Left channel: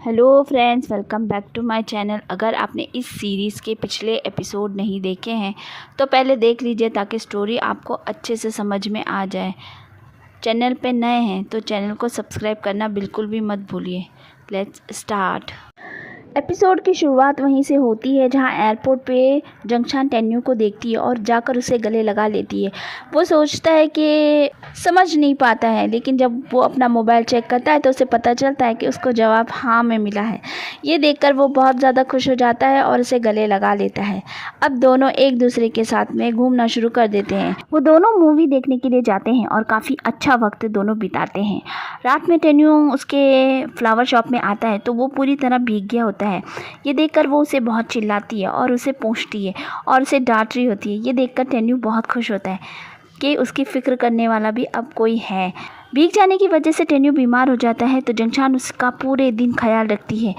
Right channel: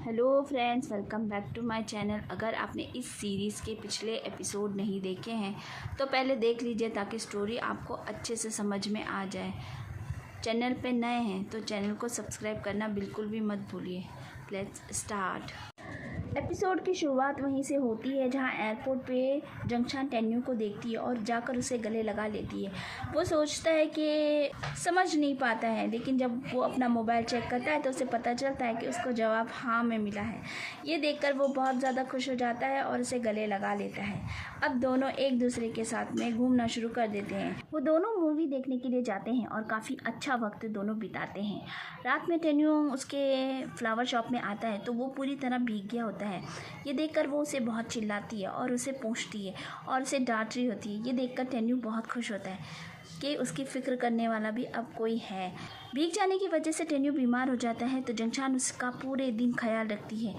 Hello friends, welcome back to my channel. अगर आपने इस सीरीज़ के पिछले एपिसोड नहीं देखे हैं तो पहले देख लीजिए ताकि स्टोरी आपको अच्छे से समझ में आ जाए। चैनल पे नए हैं तो चैनल को सब्सक्राइब करना बिल्कुल भी मत भूलिए। Let's start. एपिसोड की शुरुआत वहीं से होती है जहां एयरपोर्ट पे जंगशान टेन्यू को देखती है और जाकर उसे गले लगा लेती है। वो सोचता है कि समझ नहीं पाता है, लेकिन जब वो अपना मोबाइल चेक करता है तो उसे पता चलता है कि उसको जवाब हाँ में मिला है। ये देखकर वो बहुत ज़्यादा खुश हो जाता है और उसे गले लगा लेता है। अब दोनों एक दूसरे के साथ में घूमना शुरू कर देते हैं। वो दोनों मूवी देखने के लिए जाते हैं और काफ़ी अच्छा वक्त दोनों बिताते हैं। रात में टेन्यू उसके फ्लावर शॉप में आता है तो वो पूरी तरह भीग गया होता है। ये देखकर वो उसे बहुत चिल्लाती है और उसे पूछती है और उसे डांट रही होती है। ये देखकर टेन्यू बहुत खुश होता है कि उसकी फ़िक्र करने वाला भी अब कोई है। भीग जाने की वजह से टेन्यू बीमार हो जाता है तो जंगशान उसका पूरे दिन ख्याल रखती है।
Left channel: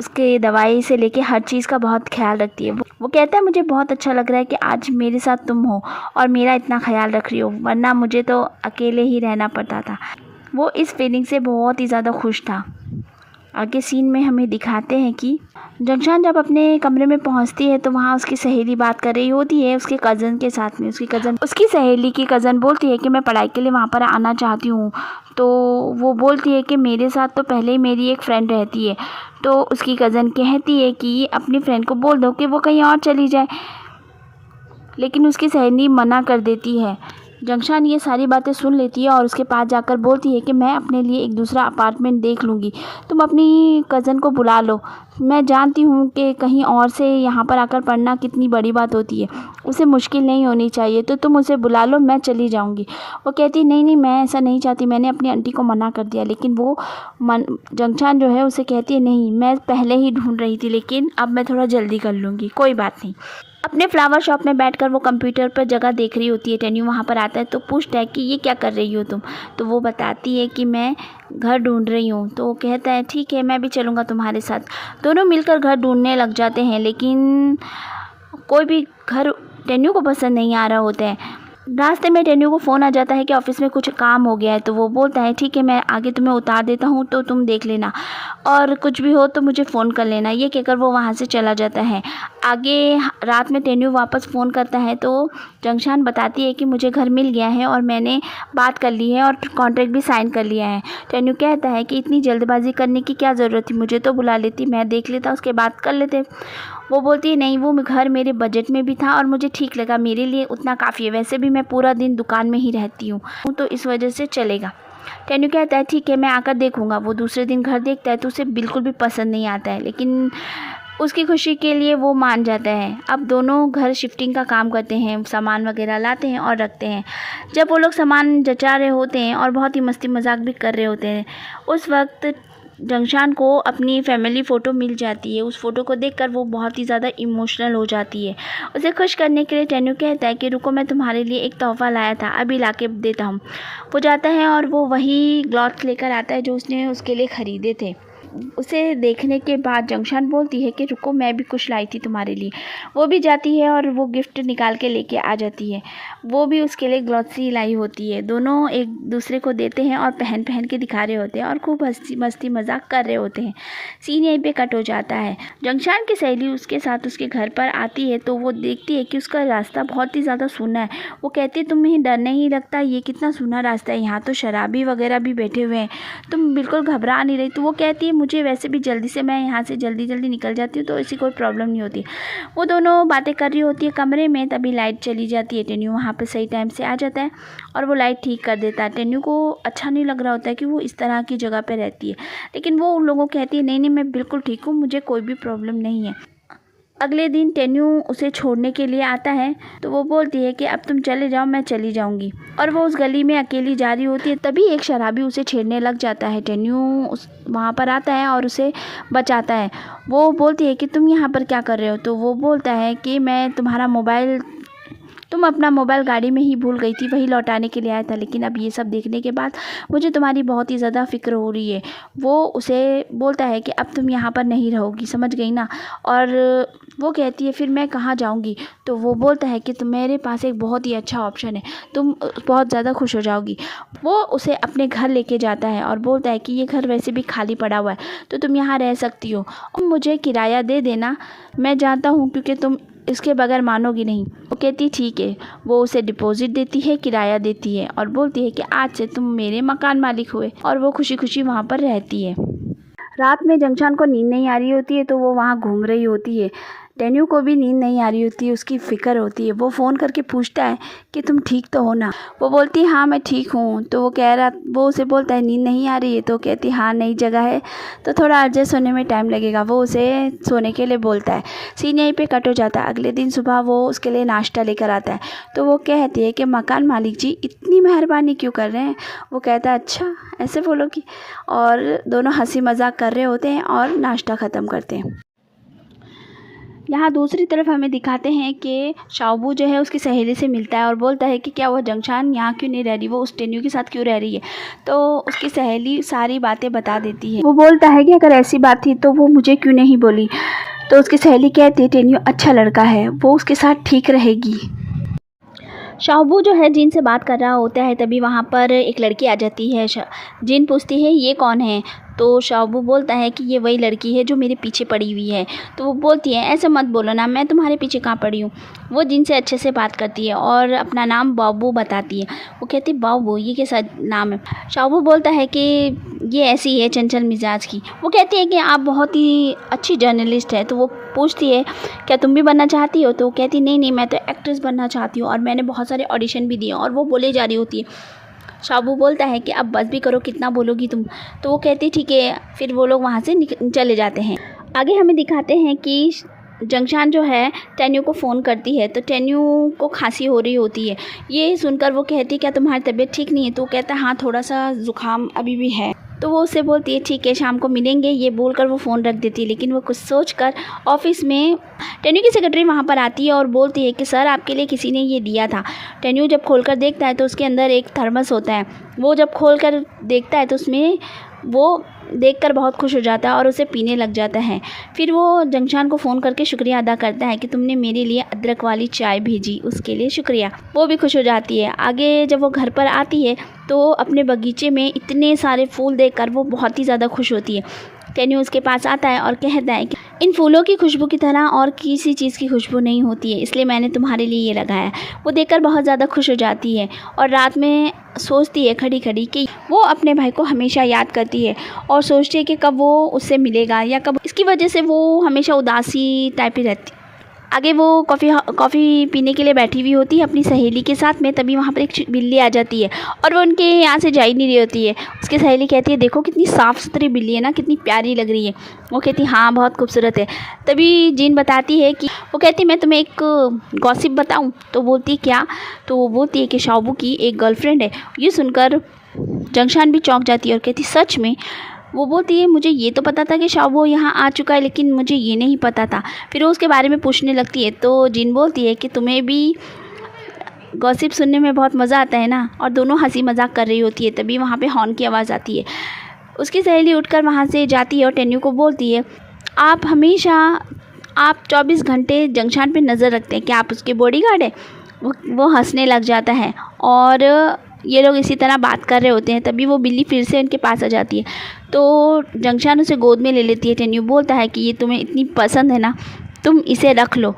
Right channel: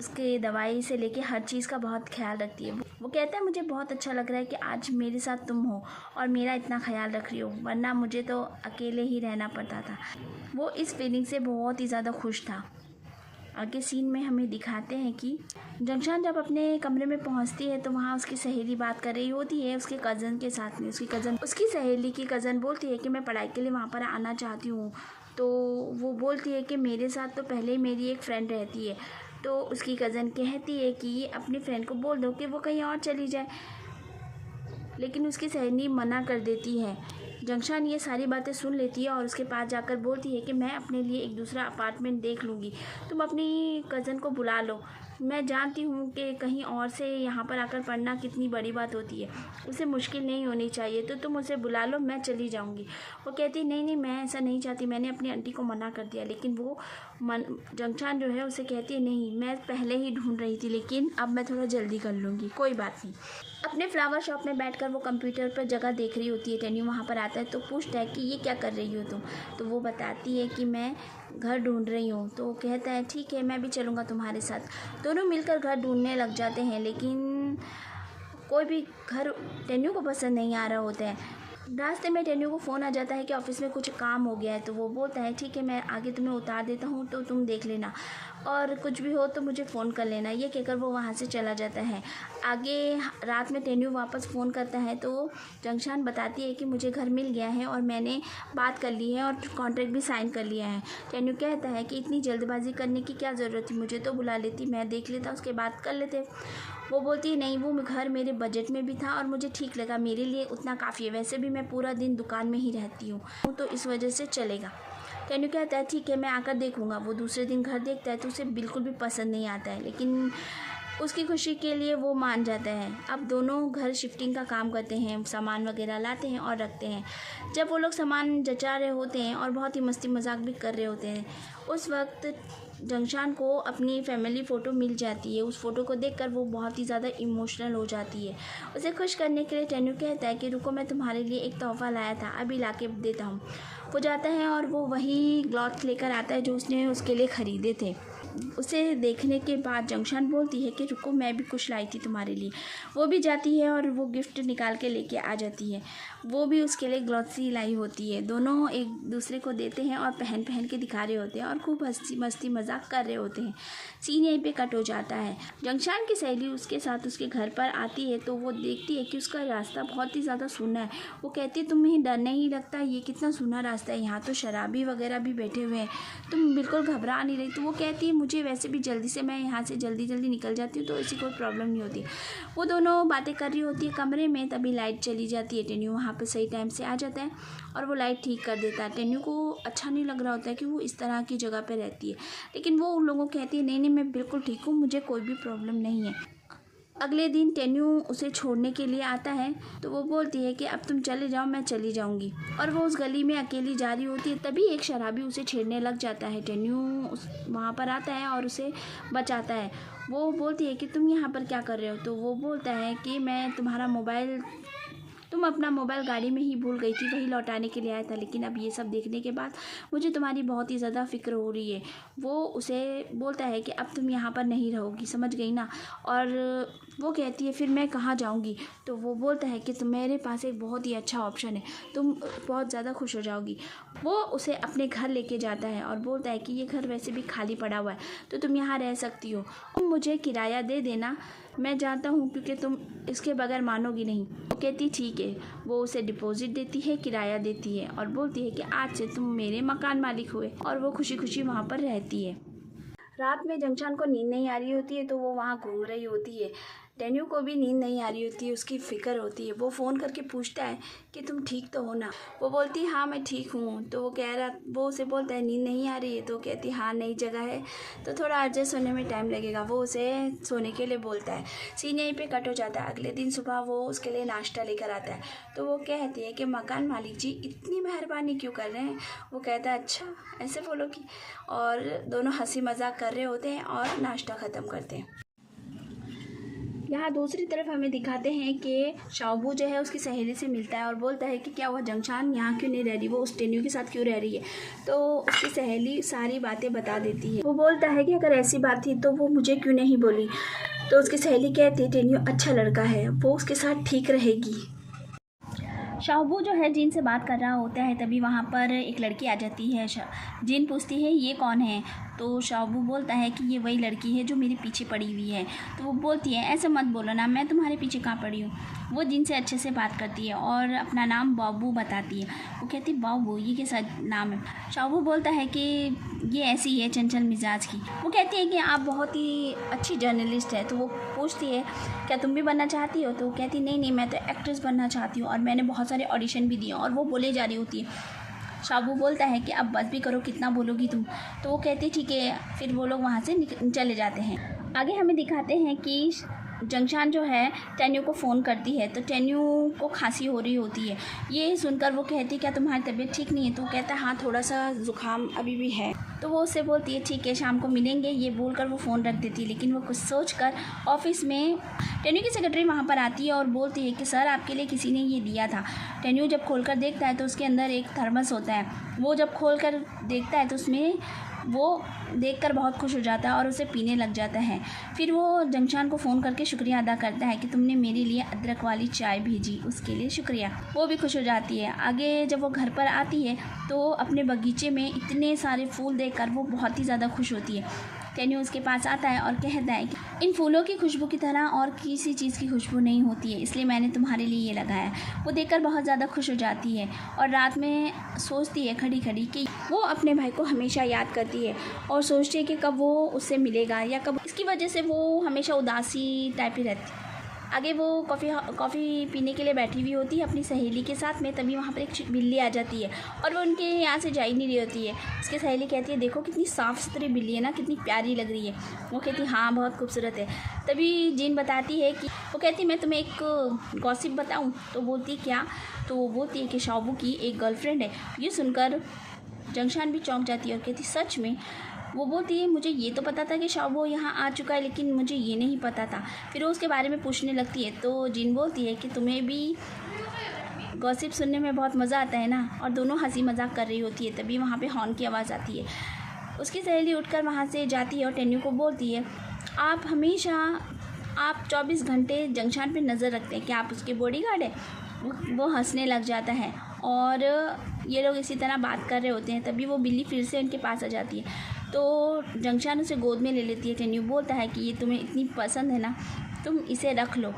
उसके दवाई से लेके हर चीज़ का बहुत ख्याल रखती है। वो कहता है मुझे बहुत अच्छा लग रहा है कि आज मेरे साथ तुम हो और मेरा इतना ख्याल रख रही हो, वरना मुझे तो अकेले ही रहना पड़ता था। वो इस फीलिंग से बहुत ही ज़्यादा खुश था। आगे सीन में हमें दिखाते हैं कि जंगशान जब अपने कमरे में पहुंचती है तो वहाँ उसकी सहेली बात कर रही होती है उसके कज़न के साथ में। उसकी सहेली की कज़न बोलती है कि मैं पढ़ाई के लिए वहाँ पर आना चाहती हूँ। तो वो बोलती है कि मेरे साथ तो पहले ही मेरी एक फ़्रेंड रहती है। तो उसकी कज़न कहती है कि अपनी फ्रेंड को बोल दो कि वो कहीं और चली जाए, लेकिन उसकी सहेली मना कर देती है। जंगशान ये सारी बातें सुन लेती है और उसके पास जाकर बोलती है कि मैं अपने लिए एक दूसरा अपार्टमेंट देख लूँगी, तुम अपनी कज़न को बुला लो। मैं जानती हूँ कि कहीं और से यहाँ पर आकर पढ़ना कितनी बड़ी बात होती है, उसे मुश्किल नहीं होनी चाहिए, तो तुम उसे बुला लो, मैं चली जाऊँगी। वो कहती नहीं नहीं, मैं ऐसा नहीं चाहती, मैंने अपनी आंटी को मना कर दिया। लेकिन वो जंगशान जो है उसे कहती है नहीं, मैं पहले ही ढूंढ रही थी, लेकिन अब मैं थोड़ा जल्दी कर लूँगी, कोई बात नहीं। अपने फ्लावर शॉप में बैठकर वो कंप्यूटर पर जगह देख रही होती है। टेन्यू वहाँ पर आता है तो पूछता है कि ये क्या कर रही हो तुम। तो वो बताती है कि मैं घर ढूंढ रही हूँ। तो वो कहता है ठीक है, मैं भी चलूँगा तुम्हारे साथ। दोनों मिलकर घर ढूंढने लग जाते हैं, लेकिन कोई भी घर टेन्यू को पसंद नहीं आ रहा होता है। रास्ते में टेन्यू को फ़ोन आ जाता है कि ऑफिस में कुछ काम हो गया है। तो वो बोलता है ठीक है, मैं आगे तुम्हें उतार देता हूँ तो तुम देख लेना, और कुछ भी हो तो मुझे फ़ोन कर लेना। ये कहकर वो वहाँ से चला जाता है। आगे रात में टेन्यू वापस फ़ोन करता है तो जंगशान बताती है कि मुझे घर मिल गया है और मैंने बात कर ली है और कॉन्ट्रैक्ट भी साइन कर लिया है। टेन्यू कहता है कि इतनी जल्दबाजी करने की क्या ज़रूरत थी, मुझे तो बुला लेती, मैं देख लेता, उसके बाद कर लेते। वो बोलती है नहीं, वो घर मेरे बजट में भी था और मुझे ठीक लगा, मेरे लिए उतना काफ़ी है, वैसे भी मैं पूरा दिन दुकान में ही रहती हूँ तो इस वजह से चलेगा। टेन्यू कहता है ठीक है, मैं आकर देखूँगा। वो दूसरे दिन घर देखता है तो उसे बिल्कुल भी पसंद नहीं आता है, लेकिन उसकी खुशी के लिए वो मान जाता है। अब दोनों घर शिफ्टिंग का काम करते हैं, सामान वगैरह लाते हैं और रखते हैं। जब वो लोग सामान जचा रहे होते हैं और बहुत ही मस्ती मजाक भी कर रहे होते हैं, उस वक्त जंगशान को अपनी फैमिली फ़ोटो मिल जाती है। उस फ़ोटो को देखकर वो बहुत ही ज़्यादा इमोशनल हो जाती है। उसे खुश करने के लिए टेन्यू कहता है कि रुको, मैं तुम्हारे लिए एक तोहफ़ा लाया था, अभी ला के देता हूँ। वो जाता है और वो वही ग्लॉथ्स लेकर आता है जो उसने उसके लिए ख़रीदे थे। उसे देखने के बाद जंगशान बोलती है कि रुको, मैं भी कुछ लाई थी तुम्हारे लिए। वो भी जाती है और वो गिफ्ट निकाल के लेके आ जाती है। वो भी उसके लिए ग्लॉथ्स ही लाई होती है। दोनों एक दूसरे को देते हैं और पहन पहन के दिखा रहे होते हैं और खूब हंसी मस्ती मजाक कर रहे होते हैं। सीन यहीं पे कट हो जाता है। जंगशान की सहेली उसके साथ उसके घर पर आती है तो वो देखती है कि उसका रास्ता बहुत ही ज़्यादा सूना है। वो कहती है तुम्हें डर नहीं लगता, ये कितना सूना रास्ता है, यहाँ तो शराबी वगैरह भी बैठे हुए हैं, तुम बिल्कुल घबरा नहीं रही। तो वो कहती है मुझे वैसे भी जल्दी से, मैं यहाँ से जल्दी जल्दी निकल जाती हूँ तो ऐसी कोई प्रॉब्लम नहीं होती। वो दोनों बातें कर रही होती है कमरे में, तभी लाइट चली जाती है। टेन्यू वहाँ पर सही टाइम से आ जाता है और वो लाइट ठीक कर देता है। टेन्यू को अच्छा नहीं लग रहा होता है कि वो इस तरह की जगह पे रहती है, लेकिन वो उन लोगों को कहती है नहीं नहीं, मैं बिल्कुल ठीक हूँ, मुझे कोई भी प्रॉब्लम नहीं है। अगले दिन टेन्यू उसे छोड़ने के लिए आता है तो वो बोलती है कि अब तुम चले जाओ, मैं चली जाऊंगी। और वो उस गली में अकेली जा रही होती है, तभी एक शराबी उसे छेड़ने लग जाता है। टेन्यू वहाँ पर आता है और उसे बचाता है। वो बोलती है कि तुम यहाँ पर क्या कर रहे हो। तो वो बोलता है कि मैं तुम्हारा मोबाइल तुम अपना मोबाइल गाड़ी में ही भूल गई थी, वही लौटाने के लिए आया था, लेकिन अब ये सब देखने के बाद मुझे तुम्हारी बहुत ही ज़्यादा फ़िक्र हो रही है। वो उसे बोलता है कि अब तुम यहाँ पर नहीं रहोगी, समझ गई ना। और वो कहती है फिर मैं कहाँ जाऊँगी। तो वो बोलता है कि मेरे पास एक बहुत ही अच्छा ऑप्शन है, तुम बहुत ज़्यादा खुश हो जाओगी। वो उसे अपने घर लेके जाता है और बोलता है कि ये घर वैसे भी खाली पड़ा हुआ है, तो तुम यहाँ रह सकती हो और मुझे किराया दे देना, मैं जानता हूँ क्योंकि तुम इसके बगैर मानोगी नहीं। वो कहती ठीक है। वो उसे डिपॉजिट देती है, किराया देती है और बोलती है कि आज से तुम मेरे मकान मालिक हुए। और वो खुशी खुशी वहाँ पर रहती है। रात में जंगशान को नींद नहीं आ रही होती है, तो वो वहाँ घूम रही होती है। टेन्यू को भी नींद नहीं आ रही होती है, उसकी फ़िक्र होती है। वो फ़ोन करके पूछता है कि तुम ठीक तो हो ना। वो बोलती है हाँ मैं ठीक हूँ। तो वो उसे बोलता है नींद नहीं आ रही है। तो कहती हाँ नई जगह है तो थोड़ा एडजस्ट होने में टाइम लगेगा। वो उसे सोने के लिए बोलता है। सीन यहीं पे कट हो जाता है। अगले दिन सुबह वो उसके लिए नाश्ता लेकर आता है। तो वो कहती है कि मकान मालिक जी इतनी मेहरबानी क्यों कर रहे हैं। वो कहता है अच्छा ऐसे बोलोगी। और दोनों हंसी मजाक कर रहे होते हैं और नाश्ता ख़त्म करते हैं। यहाँ दूसरी तरफ हमें दिखाते हैं कि शाओबू जो है उसकी सहेली से मिलता है और बोलता है कि क्या वो जंगशान यहाँ क्यों नहीं रह रही, वो उस टेन्यू के साथ क्यों रह रही है। तो उसकी सहेली सारी बातें बता देती है। वो बोलता है कि अगर ऐसी बात थी तो वो मुझे क्यों नहीं बोली। तो उसकी सहेली कहती है टेन्यू अच्छा लड़का है, वो उसके साथ ठीक रहेगी। शाओबू जो है जिन से बात कर रहा होता है, तभी वहाँ पर एक लड़की आ जाती है। जिन पूछती है ये कौन है। तो शाओबू बोलता है कि ये वही लड़की है जो मेरे पीछे पड़ी हुई है। तो वो बोलती है ऐसे मत बोलो ना, मैं तुम्हारे पीछे कहाँ पड़ी हूँ। वो जिन से अच्छे से बात करती है और अपना नाम बाबू बताती है। वो कहती है बाबू ये कैसा नाम है। शाओबू बोलता है कि ये ऐसी है चंचल मिजाज की। वो कहती है कि आप बहुत ही अच्छी जर्नलिस्ट है। तो वो पूछती है क्या तुम भी बनना चाहती हो। तो वो कहती नहीं नहीं मैं तो एक्ट्रेस बनना चाहती हूँ और मैंने बहुत सारे ऑडिशन भी दिए। और वो बोले जा रही होती है। शाओबू बोलता है कि अब बस भी करो, कितना बोलोगी तुम। तो वो कहती ठीक है। फिर वो लोग वहाँ से चले जाते हैं। आगे हमें दिखाते हैं कि जंगशान जो है टेन्यू को फ़ोन करती है। तो टेन्यू को खांसी हो रही होती है। ये सुनकर वो कहती है क्या तुम्हारी तबीयत ठीक नहीं है। तो वो कहता है हाँ थोड़ा सा ज़ुकाम अभी भी है। तो वो उससे बोलती है ठीक है शाम को मिलेंगे। ये बोलकर वो फ़ोन रख देती है। लेकिन वो कुछ सोचकर ऑफिस में टेन्यू की सेक्रेटरी वहाँ पर आती है और बोलती है कि सर आपके लिए किसी ने ये दिया था। टेन्यू जब खोलकर देखता है तो उसके अंदर एक थर्मस होता है। वो जब खोलकर देखता है तो उसमें वो देखकर बहुत खुश हो जाता है और उसे पीने लग जाता है। फिर वो जंगशान को फ़ोन करके शुक्रिया अदा करता है कि तुमने मेरे लिए अदरक वाली चाय भेजी, उसके लिए शुक्रिया। वो भी खुश हो जाती है। आगे जब वो घर पर आती है तो अपने बगीचे में इतने सारे फूल देखकर वो बहुत ही ज़्यादा खुश होती है। टेन्यू उसके पास आता है और कहता है कि इन फूलों की खुशबू की तरह और किसी चीज़ की खुशबू नहीं होती है, इसलिए मैंने तुम्हारे लिए ये लगाया। वो देखकर बहुत ज़्यादा खुश हो जाती है और रात में सोचती है खड़ी खड़ी कि वो अपने भाई को हमेशा याद करती है और सोचती है कि कब वो उससे मिलेगा या कब। इसकी वजह से वो हमेशा उदासी टाइप ही रहती। आगे वो कॉफ़ी पीने के लिए बैठी हुई होती है अपनी सहेली के साथ में। तभी वहाँ पर एक बिल्ली आ जाती है और वो उनके यहाँ से जा ही नहीं रही होती है। उसकी सहेली कहती है देखो कितनी साफ़ सुथरी बिल्ली है ना, कितनी प्यारी लग रही है। वो कहती है हाँ बहुत खूबसूरत है। तभी जीन बताती है कि वो कहती मैं तुम्हें एक गॉसिप बताऊँ। तो बोलती है क्या। तो वो बोलती है कि शाओबू की एक गर्लफ्रेंड है। ये सुनकर जंगशान भी चौंक जाती है और कहती सच में। वो बोलती है मुझे ये तो पता था कि शाओबू यहाँ आ चुका है, लेकिन मुझे ये नहीं पता था। फिर वो उसके बारे में पूछने लगती है। तो जिन बोलती है कि तुम्हें भी गॉसिप सुनने में बहुत मज़ा आता है ना। और दोनों हंसी मजाक कर रही होती है। तभी वहाँ पे हॉर्न की आवाज़ आती है। उसकी सहेली उठकर वहाँ से जाती है और टेन्यू को बोलती है आप 24 घंटे जंगशान पे नज़र रखते हैं, क्या आप उसके बॉडीगार्ड हैं। वो हंसने लग जाता है और ये लोग इसी तरह बात कर रहे होते हैं। तभी वो बिल्ली फिर से उनके पास आ जाती है। तो जंगशान उसे गोद में ले लेती है। टेन्यू बोलता है कि ये तुम्हें इतनी पसंद है ना, तुम इसे रख लो।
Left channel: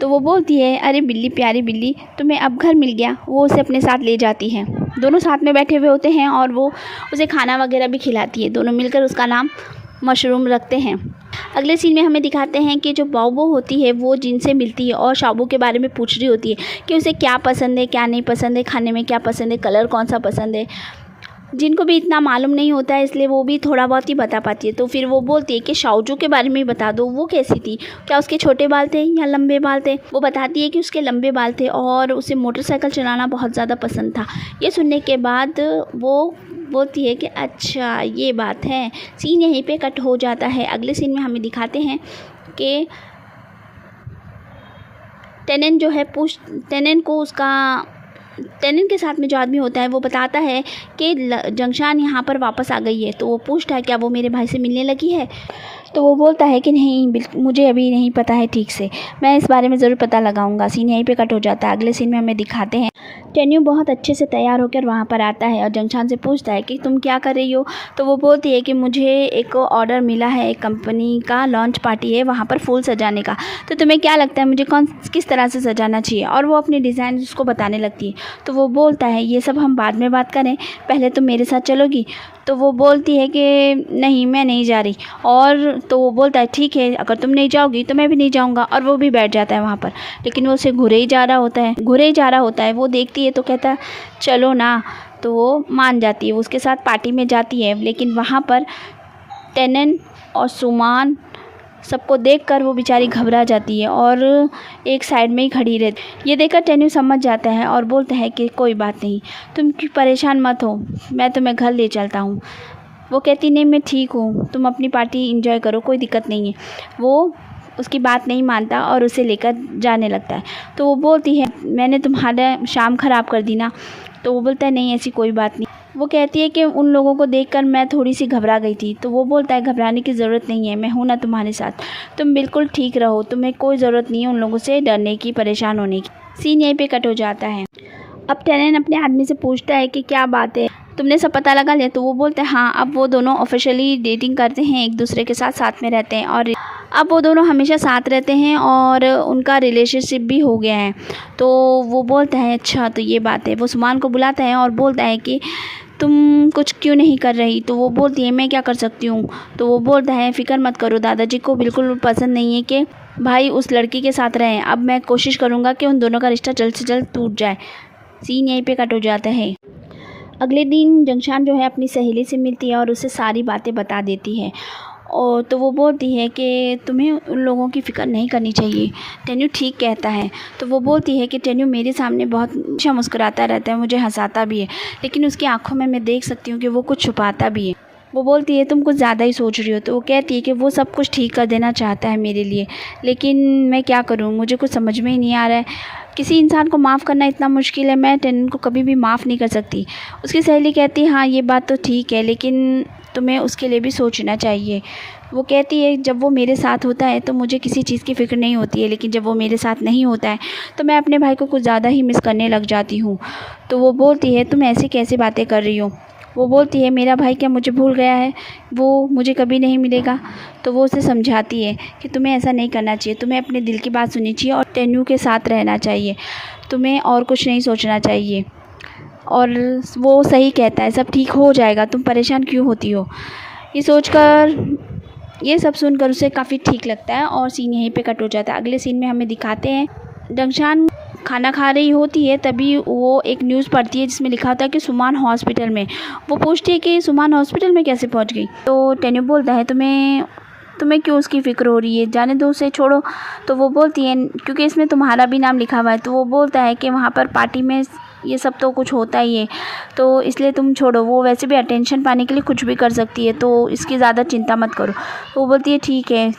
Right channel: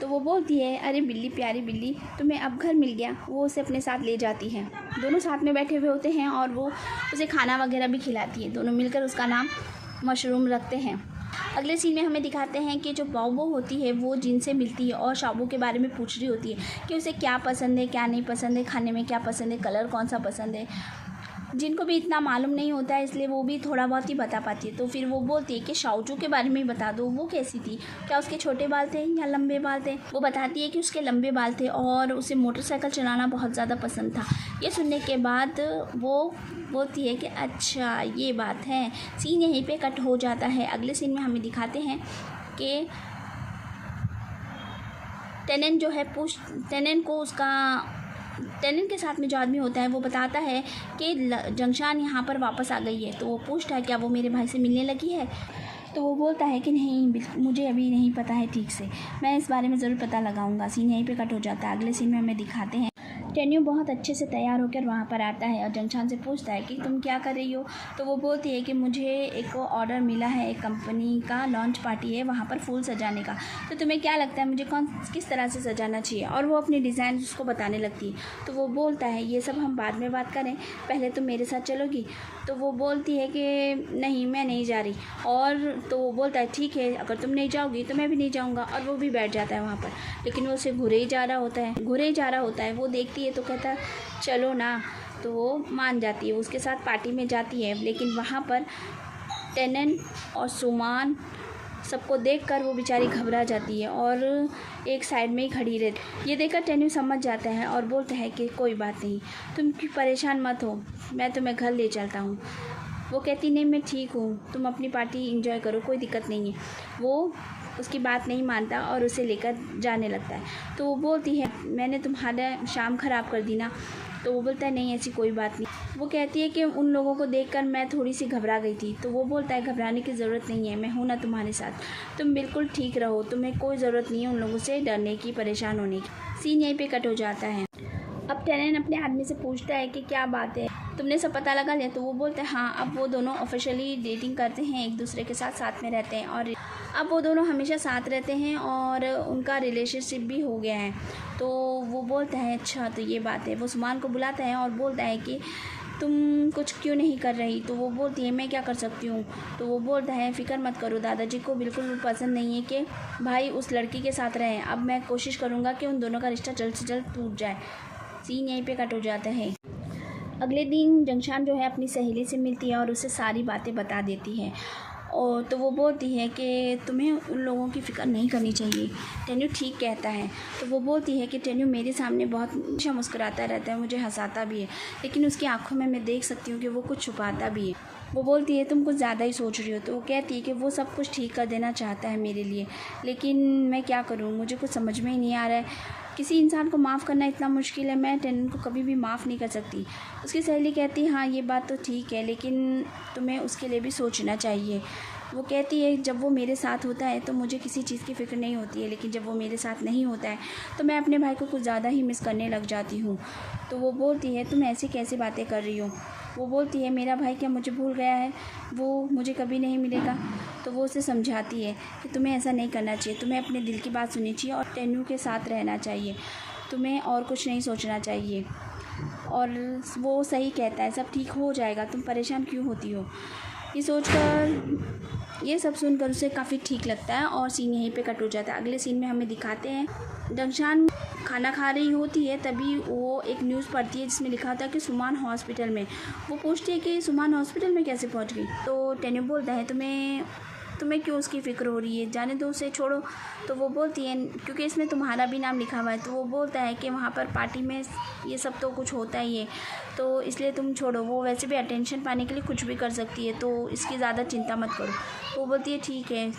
तो वो बोलती है अरे बिल्ली प्यारी बिल्ली, तुम्हें अब घर मिल गया। वो उसे अपने साथ ले जाती है। दोनों साथ में बैठे हुए होते हैं और वो उसे खाना वगैरह भी खिलाती है। दोनों मिलकर उसका नाम मशरूम रखते हैं। अगले सीन में हमें दिखाते हैं कि जो बाओबो होती है वो जिनसे मिलती है और शाओबू के बारे में पूछ रही होती है कि उसे क्या पसंद है क्या नहीं पसंद है, खाने में क्या पसंद है, कलर कौन सा पसंद है। जिनको भी इतना मालूम नहीं होता है इसलिए वो भी थोड़ा बहुत ही बता पाती है। तो फिर वो बोलती है कि शाओजू के बारे में बता दो, वो कैसी थी, क्या उसके छोटे बाल थे या लंबे बाल थे। वो बताती है कि उसके लंबे बाल थे और उसे मोटरसाइकिल चलाना बहुत ज़्यादा पसंद था। ये सुनने के बाद वो बोलती है कि अच्छा ये बात है। सीन यहीं पे कट हो जाता है। अगले सीन में हमें दिखाते हैं कि टेनेंट को टेनेंट के साथ में जो आदमी होता है वो बताता है कि जंगशान यहाँ पर वापस आ गई है। तो वो पूछता है क्या वो मेरे भाई से मिलने लगी है। तो वो बोलता है कि नहीं, मुझे अभी नहीं पता है ठीक से, मैं इस बारे में ज़रूर पता लगाऊंगा। सीन यहीं पे कट हो जाता है। अगले सीन में हमें दिखाते हैं टेन्यू बहुत अच्छे से तैयार होकर वहाँ पर आता है और जंगशान से पूछता है कि तुम क्या कर रही हो। तो वो बोलती है कि मुझे एक ऑर्डर मिला है, एक कंपनी का लॉन्च पार्टी है वहाँ पर फूल सजाने का, तो तुम्हें क्या लगता है मुझे किस तरह से सजाना चाहिए। और वो अपनी डिज़ाइन उसको बताने लगती है। तो वो बोलता है ये सब हम बाद में बात करें, पहले तुम मेरे साथ चलोगी। तो वो बोलती है कि नहीं, मैं नहीं जा रही। और तो वो बोलता है ठीक है, अगर तुम नहीं जाओगी तो मैं भी नहीं जाऊंगा। और वो भी बैठ जाता है वहाँ पर, लेकिन वो उसे घुरे ही जा रहा होता है। वो देखती है तो कहता है चलो ना। तो वो मान जाती है, वो उसके साथ पार्टी में जाती है। लेकिन वहाँ पर टेनेंट और सुमान सबको देखकर वो बेचारी घबरा जाती है और एक साइड में ही खड़ी रहती। ये देखकर टेन्यू समझ जाता है और बोलता है कि कोई बात नहीं, तुम परेशान मत हो, मैं तुम्हें घर ले चलता हूँ। वो कहती नहीं, मैं ठीक हूँ, तुम अपनी पार्टी एंजॉय करो, कोई दिक्कत नहीं है। वो उसकी बात नहीं मानता और उसे लेकर जाने लगता है। तो वो बोलती है मैंने तुम्हारा शाम ख़राब कर दी ना। तो वो बोलता है नहीं, ऐसी कोई बात नहीं। वो कहती है कि उन लोगों को देखकर मैं थोड़ी सी घबरा गई थी। तो वो बोलता है घबराने की ज़रूरत नहीं है, मैं हूँ ना तुम्हारे साथ, तुम बिल्कुल ठीक रहो, तुम्हें कोई ज़रूरत नहीं है उन लोगों से डरने की, परेशान होने की। सीन यहीं पे कट हो जाता है। अब टेनेंट अपने आदमी से पूछता है कि क्या बात है, तुमने सब पता लगा लिया। तो वो बोलते हैं हाँ, अब वो दोनों ऑफिशियली डेटिंग करते हैं, एक दूसरे के साथ में रहते हैं और अब वो दोनों हमेशा साथ रहते हैं और उनका रिलेशनशिप भी हो गया है। तो वो बोलता है अच्छा, तो ये बात है। वो सुमान को बुलाता है और बोलता है कि तुम कुछ क्यों नहीं कर रही। तो वो बोलती है मैं क्या कर सकती हूँ। तो वो बोलता है फ़िक्र मत करो, दादाजी को बिल्कुल पसंद नहीं है कि भाई उस लड़की के साथ रहें। अब मैं कोशिश करूँगा कि उन दोनों का रिश्ता जल्द से जल्द टूट जाए। सीन यहीं पे कट हो जाता है। अगले दिन जंगशान जो है अपनी सहेली से मिलती है और उसे सारी बातें बता देती है। और तो वो बोलती है कि तुम्हें उन लोगों की फ़िक्र नहीं करनी चाहिए, टेन्यू ठीक कहता है। तो वो बोलती है कि टेन्यू मेरे सामने बहुत अच्छा मुस्कुराता रहता है, मुझे हंसाता भी है, लेकिन उसकी आंखों में मैं देख सकती हूँ कि वो कुछ छुपाता भी है। वो बोलती है तुम कुछ ज़्यादा ही सोच रही हो। तो वो कहती है कि वो सब कुछ ठीक कर देना चाहता है मेरे लिए, लेकिन मैं क्या करूँ, मुझे कुछ समझ में ही नहीं आ रहा है। किसी इंसान को माफ़ करना इतना मुश्किल है, मैं टेनेंट को कभी भी माफ़ नहीं कर सकती। उसकी सहेली कहती है हाँ ये बात तो ठीक है, लेकिन तुम्हें उसके लिए भी सोचना चाहिए। वो कहती है जब वो मेरे साथ होता है तो मुझे किसी चीज़ की फ़िक्र नहीं होती है, लेकिन जब वो मेरे साथ नहीं होता है तो मैं अपने भाई को कुछ ज़्यादा ही मिस करने लग जाती हूँ। तो वो बोलती है तुम ऐसी कैसी बातें कर रही हो। वो बोलती है मेरा भाई क्या मुझे भूल गया है, वो मुझे कभी नहीं मिलेगा। तो वो उसे समझाती है कि तुम्हें ऐसा नहीं करना चाहिए, तुम्हें अपने दिल की बात सुननी चाहिए और टेन्यू के साथ रहना चाहिए, तुम्हें और कुछ नहीं सोचना चाहिए। और वो सही कहता है, सब ठीक हो जाएगा, तुम परेशान क्यों होती हो। ये सब सुनकर उसे काफ़ी ठीक लगता है और सीन यहीं पे कट हो जाता है। अगले सीन में हमें दिखाते हैं जंगशान खाना खा रही होती है, तभी वो एक न्यूज़ पढ़ती है जिसमें लिखा होता है कि सुमान हॉस्पिटल में। वो पूछती है कि सुमान हॉस्पिटल में कैसे पहुंच गई। तो टेन्यू बोलता है तुम्हें क्यों उसकी फ़िक्र हो रही है, जाने दो उसे, छोड़ो। तो वो बोलती है क्योंकि इसमें तुम्हारा भी नाम लिखा हुआ है। तो वो बोलता है कि वहाँ पर पार्टी में ये सब तो कुछ होता ही है, तो इसलिए तुम छोड़ो, वो वैसे भी अटेंशन पाने के लिए कुछ भी कर सकती है, तो इसकी ज़्यादा चिंता मत करो। वो बोलती है ठीक है।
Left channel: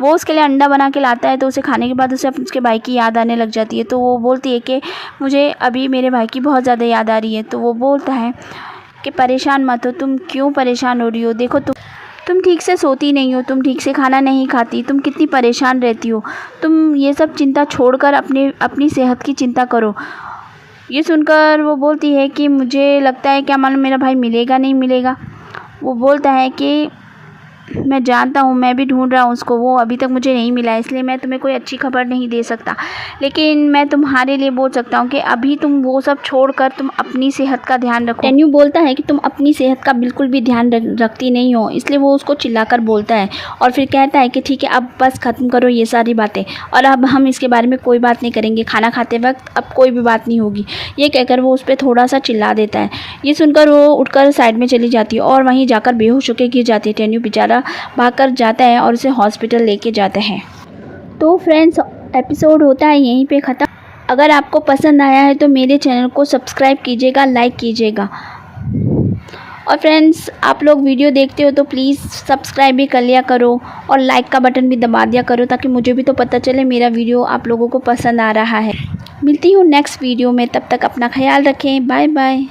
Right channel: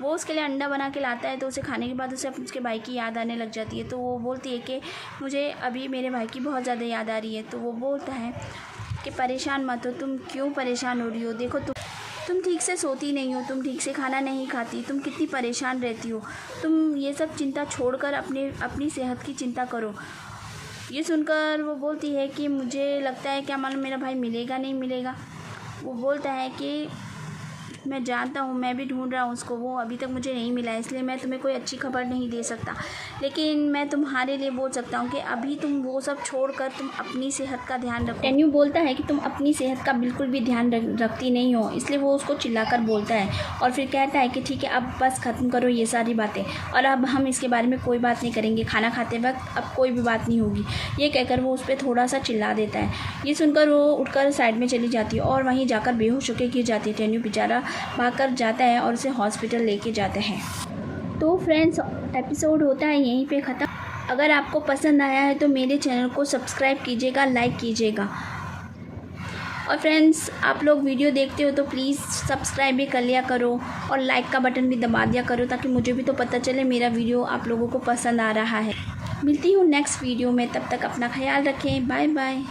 वो उसके लिए अंडा बना के लाता है, तो उसे खाने के बाद उसे उसके भाई की याद आने लग जाती है। तो वो बोलती है कि मुझे अभी मेरे भाई की बहुत ज़्यादा याद आ रही है। तो वो बोलता है कि परेशान मत हो, तुम क्यों परेशान हो रही हो, देखो तुम ठीक से सोती नहीं हो, तुम ठीक से खाना नहीं खाती, तुम कितनी परेशान रहती हो, तुम ये सब चिंता छोड़कर अपनी सेहत की चिंता करो। ये सुनकर वो बोलती है कि मुझे लगता है क्या मालूम मेरा भाई मिलेगा नहीं मिलेगा। वो बोलता है कि मैं जानता हूँ, मैं भी ढूंढ रहा हूँ उसको, वो अभी तक मुझे नहीं मिला, इसलिए मैं तुम्हें कोई अच्छी खबर नहीं दे सकता, लेकिन मैं तुम्हारे लिए बोल सकता हूँ कि अभी तुम वो सब छोड़कर तुम अपनी सेहत का ध्यान रखो। टेन्यू बोलता है कि तुम अपनी सेहत का बिल्कुल भी ध्यान रखती नहीं हो, इसलिए वो उसको चिल्लाकर बोलता है और फिर कहता है कि ठीक है अब बस ख़त्म करो ये सारी बातें, और अब हम इसके बारे में कोई बात नहीं करेंगे, खाना खाते वक्त अब कोई भी बात नहीं होगी। ये कहकर वो उस पर थोड़ा सा चिल्ला देता है। ये सुनकर वो उठकर साइड में चली जाती है और वहीं जाकर बेहोश होकर गिर जाती है। टेन्यू बेचारा भागकर जाता है और उसे हॉस्पिटल लेके जाता है। तो फ्रेंड्स, एपिसोड होता है यहीं पे ख़त्म। अगर आपको पसंद आया है तो मेरे चैनल को सब्सक्राइब कीजिएगा, लाइक कीजिएगा। और फ्रेंड्स, आप लोग वीडियो देखते हो तो प्लीज़ सब्सक्राइब भी कर लिया करो और लाइक का बटन भी दबा दिया करो, ताकि मुझे भी तो पता चले मेरा वीडियो आप लोगों को पसंद आ रहा है। मिलती हूँ नेक्स्ट वीडियो में, तब तक अपना ख्याल रखें। Bye bye.